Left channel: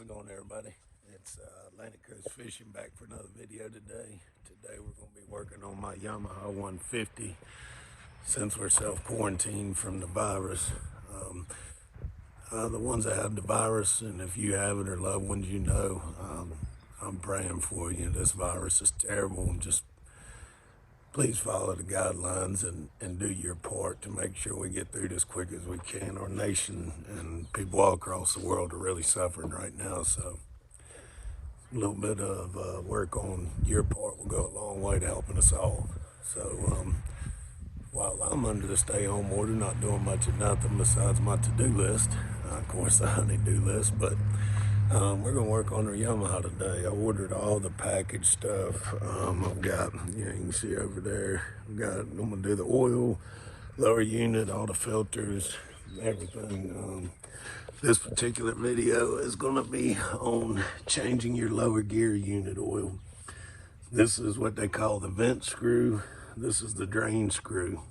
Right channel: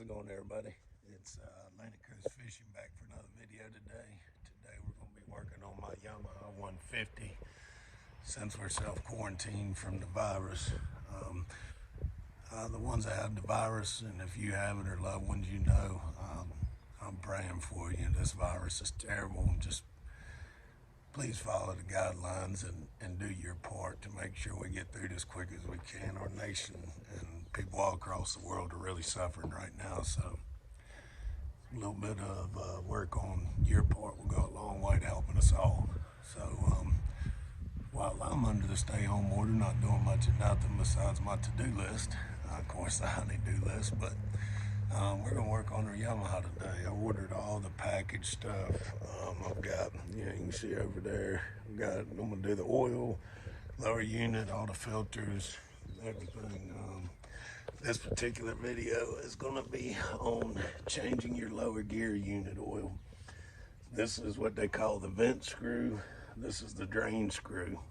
How's it going, everybody? It's Atlantic Coast Fishing back for another video today. Today we're going to be working on my Yamaha 150 since we're self-quarantined from the virus. The ones that have the virus, and if you have it or loved ones you know, I'm praying for you. This virus is terrible, and just please follow the guidelines and do your part to make sure we get through this quick as we can. Our nation and people all across the world are really suffering right now, so a little bit of work on your part will go a long way to helping us all. So while I'm under the stay-home order, not doing much of nothing besides my to-do list, of course the honey-do list, but we're going to work on our Yamaha today. I ordered all the package stuff. I've got, you can see over there, I'm going to do the oil, lower unit, all the filters, everything. This particular video is going to be on changing your lower gear unit oil. This is what they call the vent screw. This is the drain screw.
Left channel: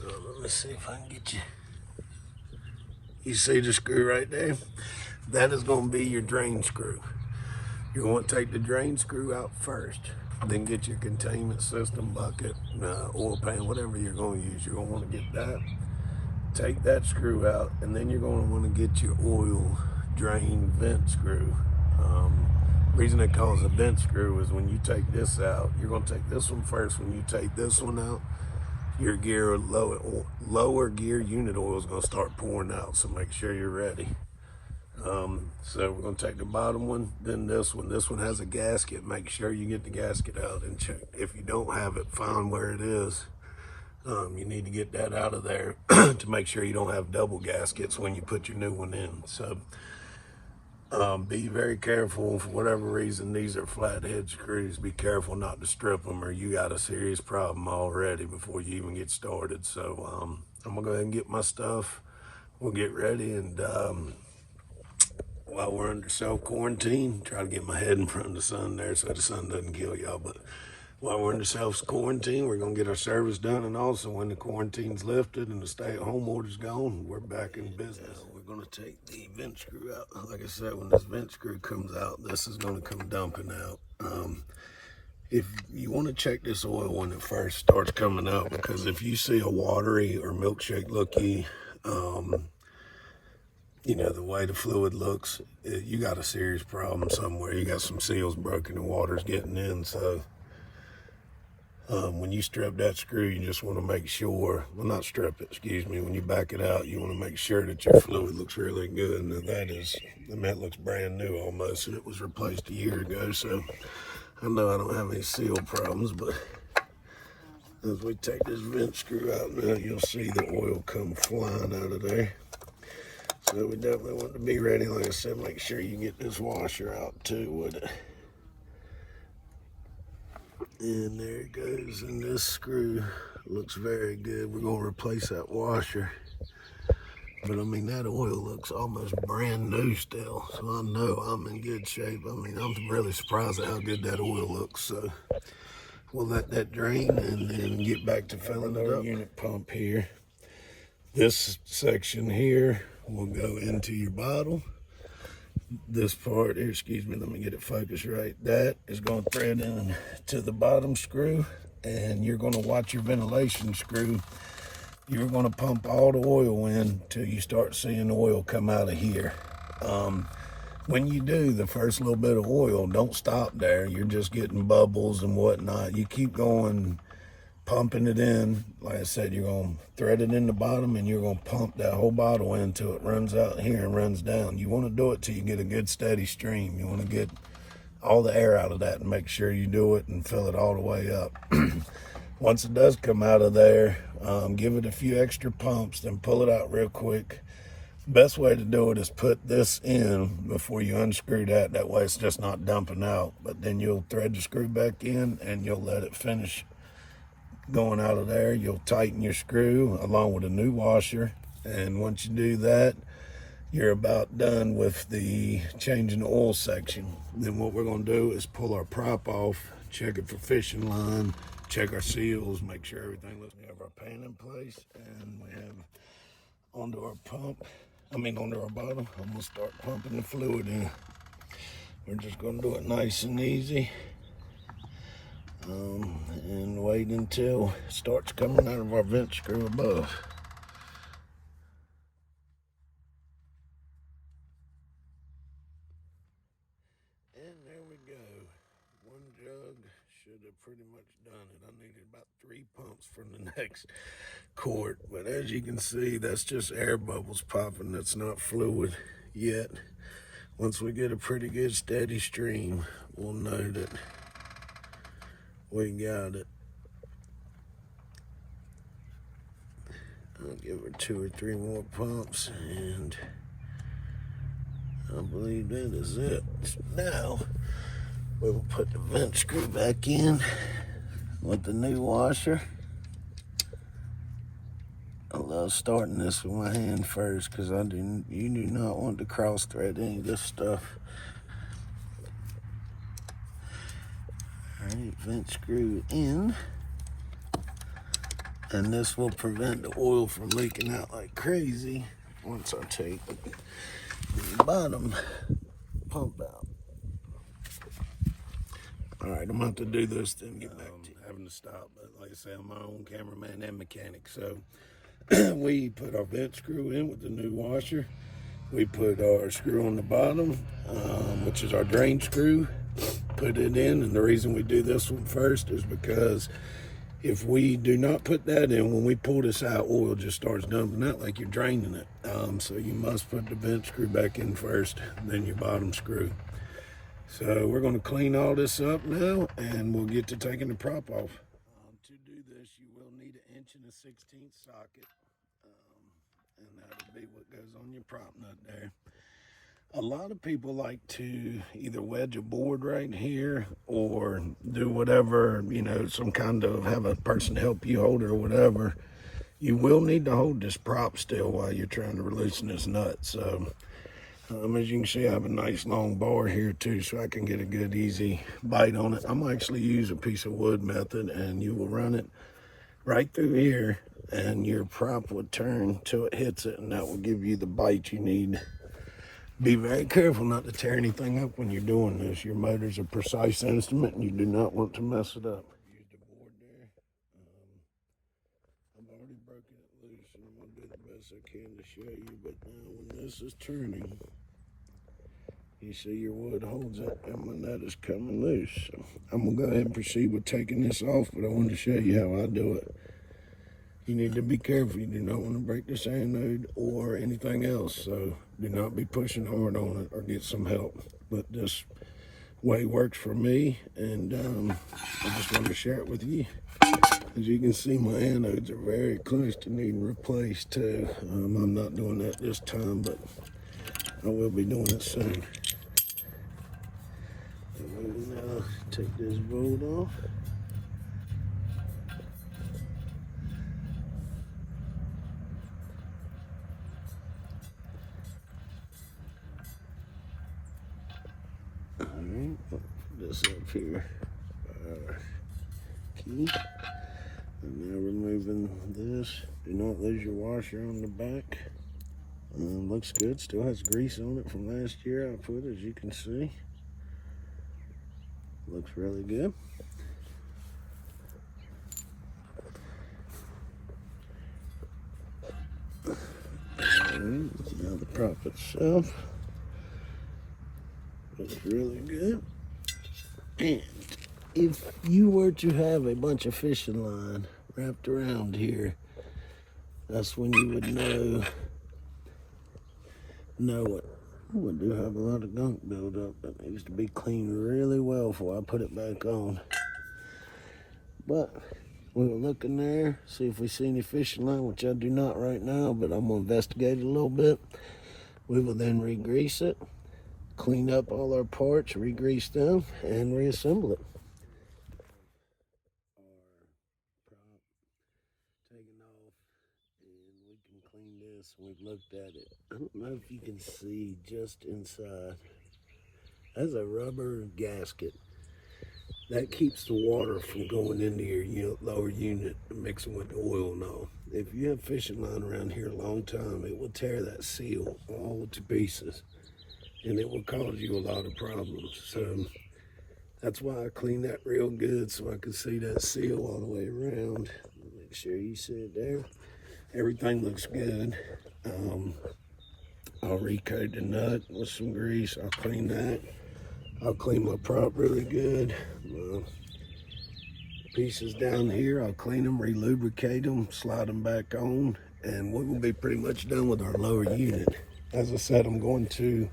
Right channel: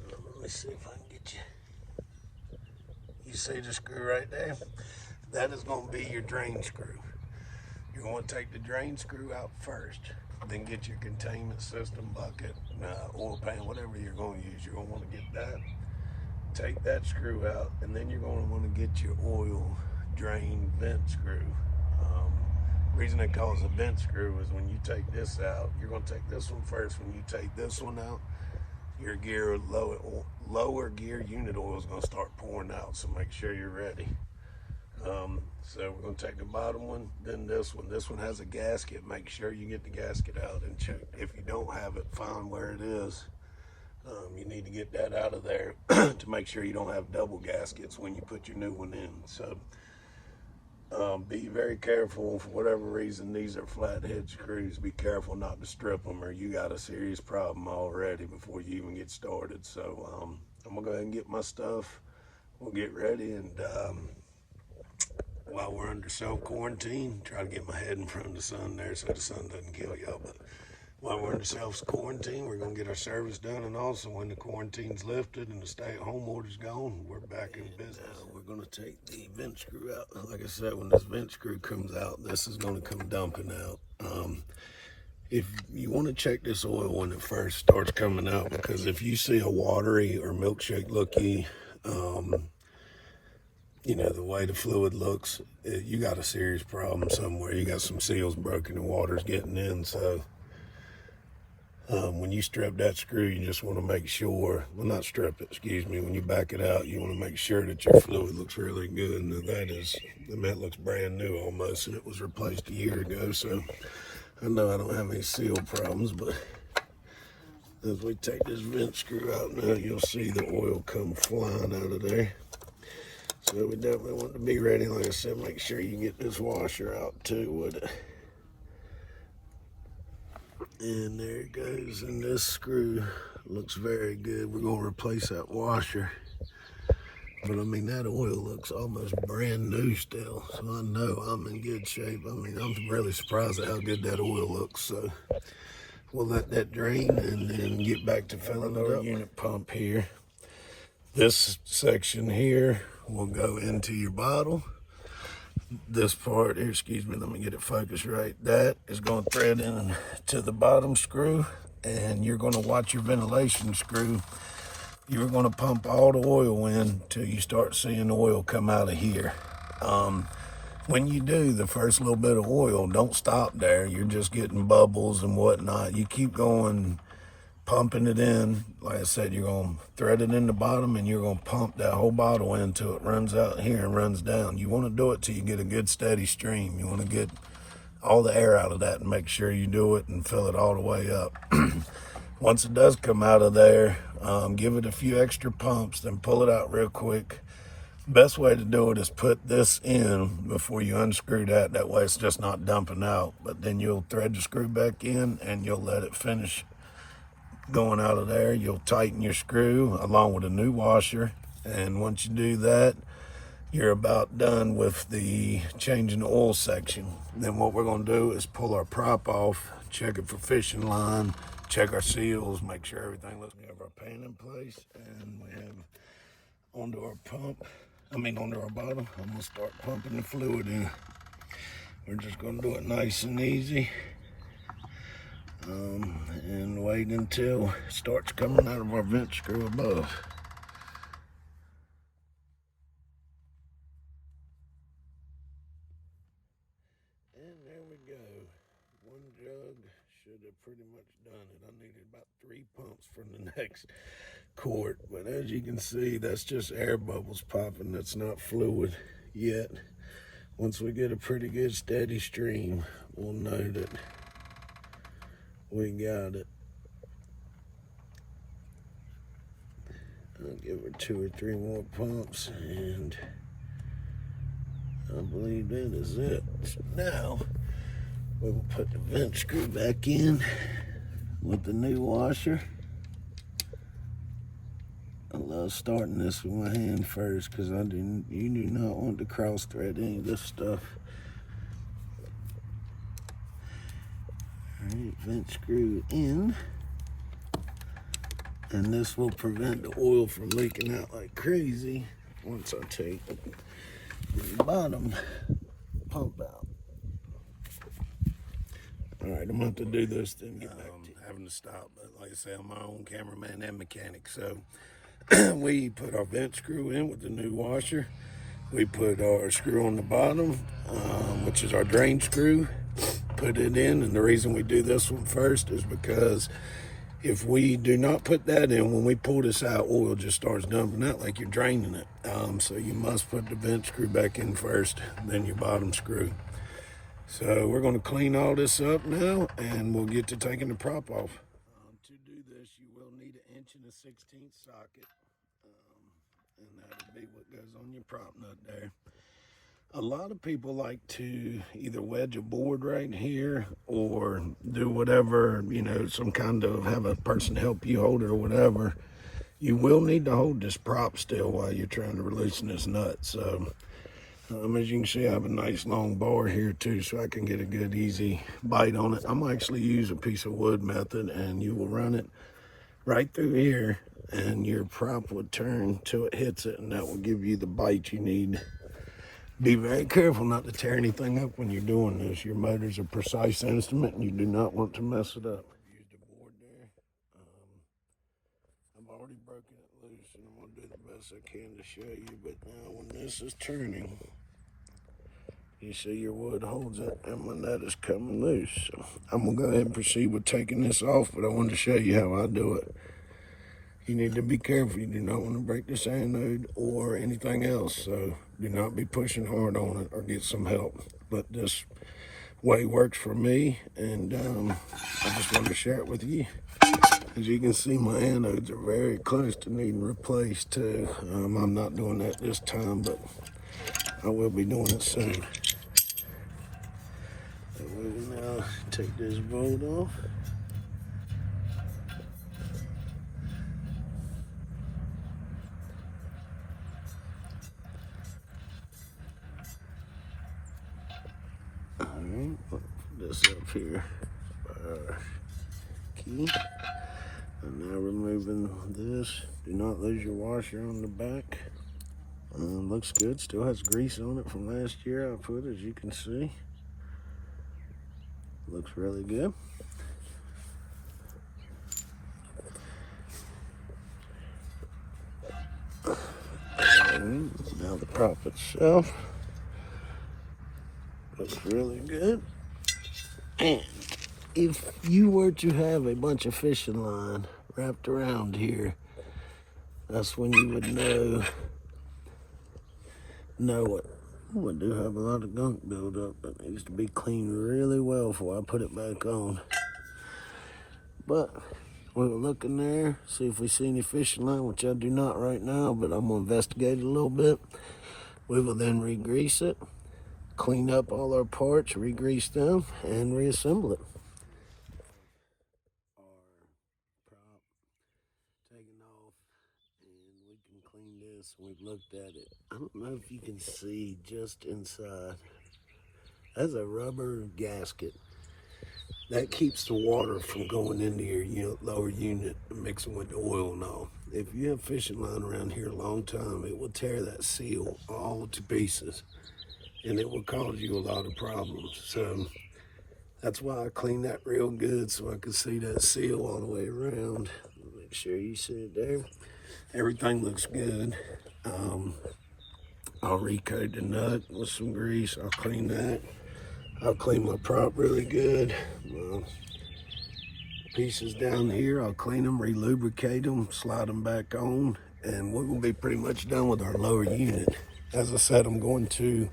Let me see if I can get you. You see the screw right there? That is going to be your drain screw. You're going to take the drain screw out first, then get your containment system, bucket, oil pan, whatever you're going to use. You're going to want to get that. Take that screw out, and then you're going to want to get your oil drain vent screw. Reason it calls a vent screw is when you take this out, you're going to take this one first. When you take this one out, your gear lower gear unit oil is going to start pouring out, so make sure you're ready. So we're going to take the bottom one, then this one. This one has a gasket. Make sure you get the gasket out and check. If you don't have it, find where it is. You need to get that out of there to make sure you don't have double gaskets when you put your new one in. So be very careful. For whatever reason, these are flathead screws. Be careful not to strip them, or you got a serious problem already before you even get started. So I'm gonna go ahead and get my stuff. We'll get ready, and while we're under self-quarantine, try to get my head in front of the sun there so the sun doesn't kill y'all. But while we're under self-quarantine, we're going to get our service done, and also when the quarantine's lifted and the stay-at-home order's gone, we're back in business. We're going to take the vent screw out. Like I said, when this vent screw comes out, this is going to come dumping out. If you want to check this oil when it first starts coming out, because if you see a watery or milkshake looky, you know, the way the fluid looks, you got a serious problem somewhere. You got some seals broken, the water's getting in. So when you strip that screw, you just want to make sure, well, not strip it, excuse me, when you back it out, you want to make sure that your fluid looks really good. Now that looks brand new almost, and it was replaced a year ago. So I know I don't have any seal problems, but as we take this vent screw out now, you'll see the oil come flying out of there. So we definitely want to be ready. Like I said, make sure you get this washer out too with it. And there it goes. And this screw looks very good. We're going to replace that washer. But I mean, that oil looks almost brand new still. So I know I'm in good shape. I mean, I'm really surprised at how good that oil looks. So we'll let that drain and then get back to filling our unit pump here. This section here will go into your bottle. This part here, excuse me, let me get it focused right. That is going to thread in to the bottom screw, and you're going to watch your ventilation screw. You're going to pump all the oil in till you start seeing the oil come out of here. When you do the first little bit of oil, don't stop there. You're just getting bubbles and whatnot. You keep going, pumping it in. Like I said, you're going to thread it in the bottom, and you're going to pump that whole bottle in until it runs out here and runs down. You want to do it till you get a good steady stream. You want to get all the air out of that and make sure you do it and fill it all the way up. Once it does come out of there, give it a few extra pumps, then pull it out real quick. Best way to do it is put this in before you unscrew that. That way it's just not dumping out. But then you'll thread the screw back in, and you'll let it finish going out of there. You'll tighten your screw along with a new washer, and once you do that, you're about done with the changing the oil section. Then what we're going to do is pull our prop off, check it for fishing line, check our seals, make sure everything looks good. We have our pan in place, and we have onto our bottom. I'm going to start pumping the fluid in. We're just gonna do it nice and easy. And wait until it starts coming out of our vent screw above. And there we go. One jug should have pretty much done it. I needed about 3 pumps from the next quart, but as you can see, that's just air bubbles popping. That's not fluid yet. Once we get a pretty good steady stream, we'll know that we got it. I'll give her 2 or 3 more pumps, and I believe that is it. So now we will put the vent screw back in with the new washer. I love starting this with my hand first because you do not want to cross thread any of this stuff. Alright, vent screw in. And this will prevent the oil from leaking out like crazy once I take the bottom pump out. Alright, I'm about to do this then get back to having to stop, but like I say, I'm my own cameraman and mechanic, so we put our vent screw in with the new washer. We put our screw on the bottom, which is our drain screw, put it in, and the reason we do this one first is because if we do not put that in, when we pull this out, oil just starts dumping out like you're draining it. So you must put the vent screw back in first, then your bottom screw. So we're going to clean all this up now, and we'll get to taking the prop off. To do this, you will need an 1 1/16" socket, and that'll be what goes on your prop nut there. A lot of people like to either wedge a board right here or do whatever, you know, some kind of have a person help you hold it or whatever. You will need to hold this prop still while you're trying to loosen this nut. So as you can see, I have a nice long bar here too, so I can get a good easy bite on it. I'm actually use a piece of wood method, and you will run it right through here and your prop will turn till it hits it, and that will give you the bite you need. Be very careful not to tear anything up when you're doing this. Your motor's a precise instrument and you do not want to mess it up. Use the board there. I've already broken it loose, and I'm going to do the best I can to show you. But now when this is turning, you see your wood holds it, and when that is coming loose. So I'm going to go ahead and proceed with taking this off, but I wanted to show you how I do it. You need to be careful. You do not want to break this anode or anything else, so do not be pushing hard on it or get some help. But this way works for me, and I just want to share it with you. As you can see, my anodes are very close to needing replaced too. I'm not doing that this time, but I will be doing it soon. So we will now take this bolt off. This up here, key, and now removing this. Do not lose your washer on the back. Looks good. Still has grease on it from last year I put, as you can see. Looks really good. Now the prop itself looks really good. And if you were to have a bunch of fishing line wrapped around here, that's when you would know it. Oh, I do have a lot of gunk buildup that needs to be cleaned really well before I put it back on. But we will look in there, see if we see any fishing line, which I do not right now, but I'm going to investigate it a little bit. We will then re-grease it, clean up all our parts, re-grease them, and reassemble it. Our prop taken off, and we can clean this. We've looked at it. I don't know if you can see just inside. That's a rubber gasket. That keeps the water from going into your lower unit and mixing with the oil and all. If you have fishing line around here a long time, it will tear that seal all to pieces. and it will cause you a lot of problems. So that's why I clean that real good so I can see that seal all the way around. Make sure you see it there. Everything looks good. I'll recoat the nut with some grease. I'll clean that. I'll clean my prop really good. Pieces down here, I'll clean them, re-lubricate them, slide them back on, and we're gonna be pretty much done with our lower unit. As I said, I'm going to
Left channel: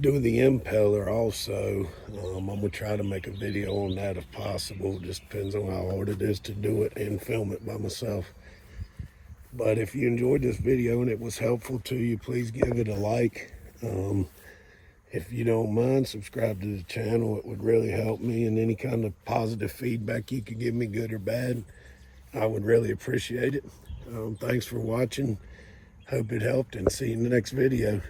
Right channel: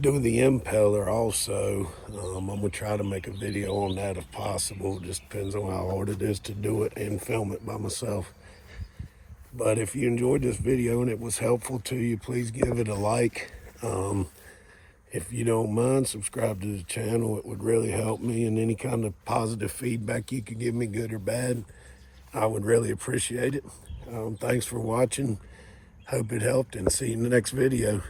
do the impeller also. I'm gonna try to make a video on that if possible. It just depends on how hard it is to do it and film it by myself. But if you enjoyed this video and it was helpful to you, please give it a like. If you don't mind, subscribe to the channel. It would really help me, and any kind of positive feedback you could give me, good or bad, I would really appreciate it. Thanks for watching. Hope it helped, and see you in the next video.